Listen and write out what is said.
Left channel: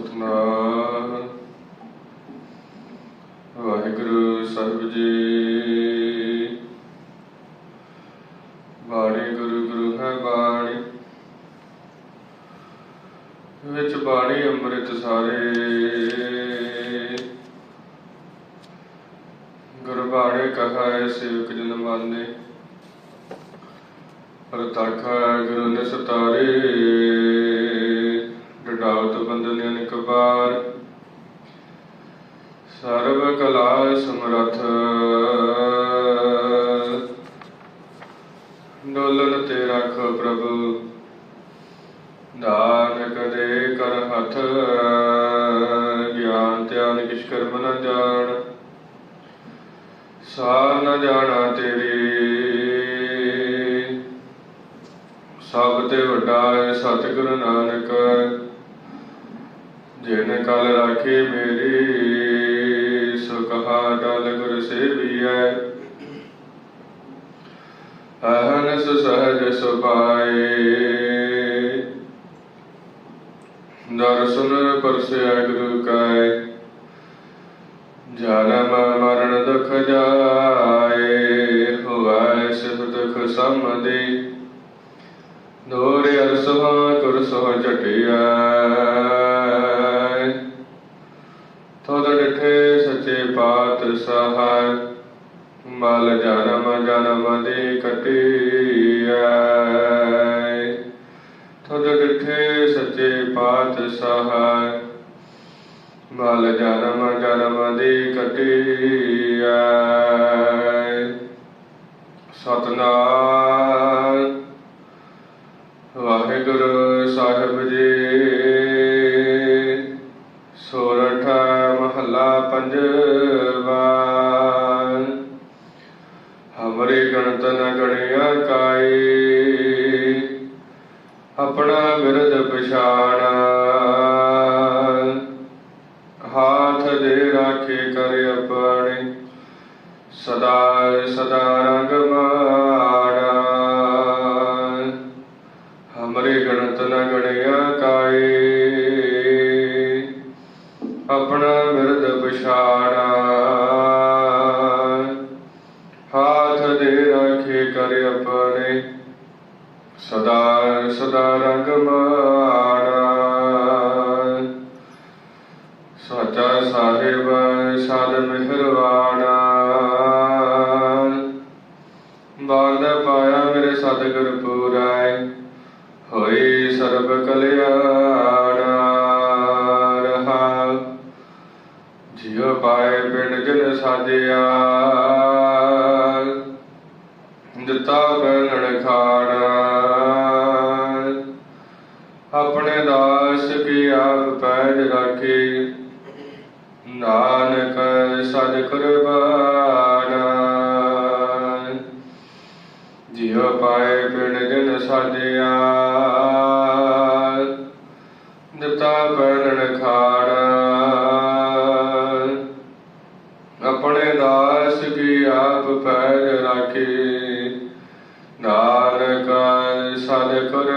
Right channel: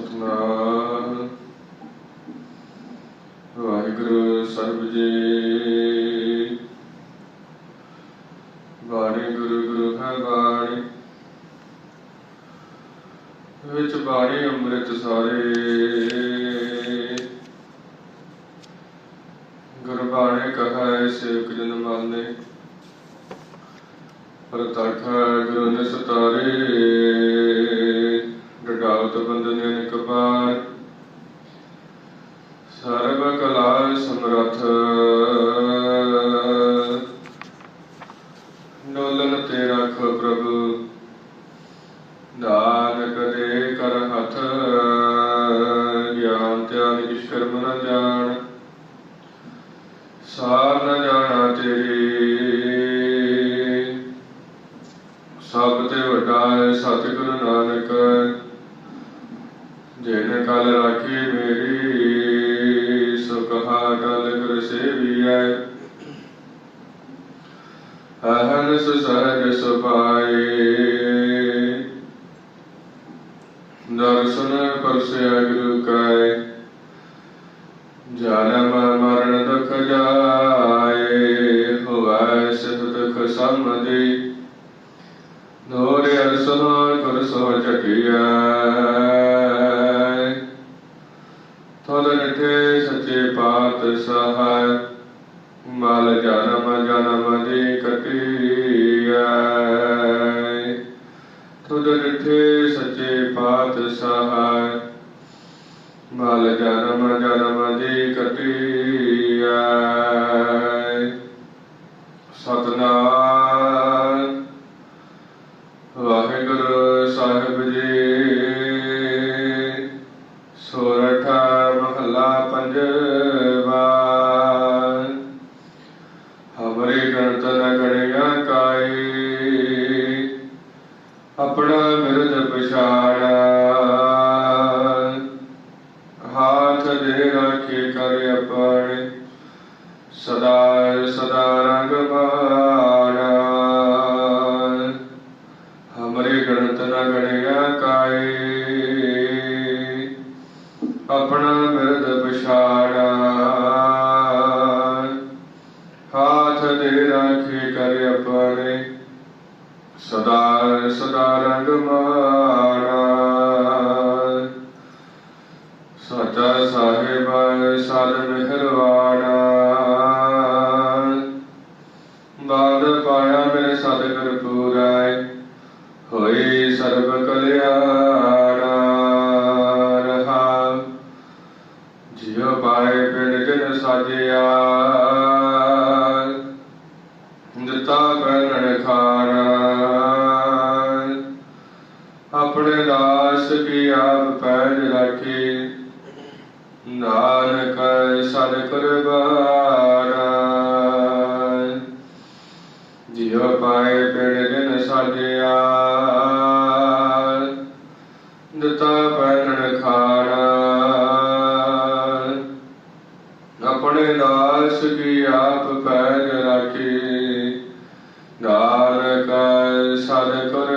ਸਤਨਾਮ। ਵਾਹਿਗੁਰੂ ਸਰਬ ਜੀ। ਬਾਣੀ ਗੁਰੂ ਗੁਰੂ ਹੈ ਬਾਣੀ। ਵਿੱਚ ਬਾਣੀ ਅੰਮ੍ਰਿਤ ਸਾਰੇ। ਗੁਰਬਾਣੀ ਕਹਾਇ ਸੇਵਕ ਜਨ ਮਾਨੇ। ਪ੍ਰਤੱਖ ਗੁਰੂ ਨੇ ਸਤਾਰੇ ਸਮਰਥ ਡੋਲਨ ਤੇ ਰੱਖ ਪ੍ਰਭੂ। ਨਾਨਕ ਦੇ ਕਰ ਹੱਥ। ਗਿਆਨ, ਧਿਆਨ ਕਿਛ ਕਰਮ ਨ ਜਾਣ। ਸਾਰ ਨਾ ਜਾਣਾ ਤੇਰੀ। ਸਭ ਤੇ ਵੱਡਾ ਹੈ ਸਤਿਗੁਰੂ ਨਾਨਕ। ਜਿਨ ਕਲ ਰਾਖੀ ਅਹਨਸ ਸਹਜ ਸੁਪਾਏ ਦਰਸ਼ਨ ਪਰਸਿਆ ਗੁਰੂ ਕਾਇ ਜਨਮ ਮਰਨ ਦੁਖ ਜਾਏ, ਹੋਵੈ ਸਿਫ ਦੁਖ ਸਮਦੀ ਨੋਰ ਅਰਸਵਾ ਗੁਰ ਸੋ ਚਟਿਆ ਤਦ ਡਠੇ ਸੱਚੇ ਪਾਤ ਸਹਾਇ ਮਲ ਜਨਮ ਜਨਮ ਦੀ ਕਟਿਆ ਤਦ ਡਠੇ ਸੱਚੇ ਮਲ ਜਨਮ ਜਨਮ ਦੀ ਕਟਿਆ ਸਤਨਾਮ, ਵਾਹਿਗੁਰੂ ਸਾਹਿਬ ਜੀ। ਸੋਰਠ ਮਹੱਲਾ ਪੰਜਵਾ। ਹਮਰੇ ਗਣਤ ਗਣਿਆ ਕਾਈ, ਆਪਣਾ ਬਿਰਦ ਪਛਾਣ ਸਦਾ ਸਦਾ ਰੰਗ ਮਾਣਾ ਹਮਰੇ ਗਣਤ ਨ ਗਣਿਆ ਕਾਏ। ਆਪਣਾ ਬਿਰਦ ਪਛਾਣਾ ਹਾਥ ਦੇ ਰਾਖੇ ਕਰ ਆਪਣੇ। ਸਦਾ ਸਦਾ ਰੰਗ ਮਾਣਾ ਸੱਚਾ ਸਾਹਿਬ ਸਦ ਮਿਹਰਵਾਣਾ ਸਾਜਿਆ। ਦਿੱਤਾ ਬੈਲਣ ਖਾਣਾ ਆਪਣੇ ਦਾਸ ਕੀ ਆਪ ਪੈਜ ਰਾਖੀ। ਨਾਨਕ ਸਦ ਕੁਰਬਾਨਾ ਜਿਉ ਪਾਏ ਪਿੰਡ ਜਨ ਸਾਜਿਆ। ਆਪ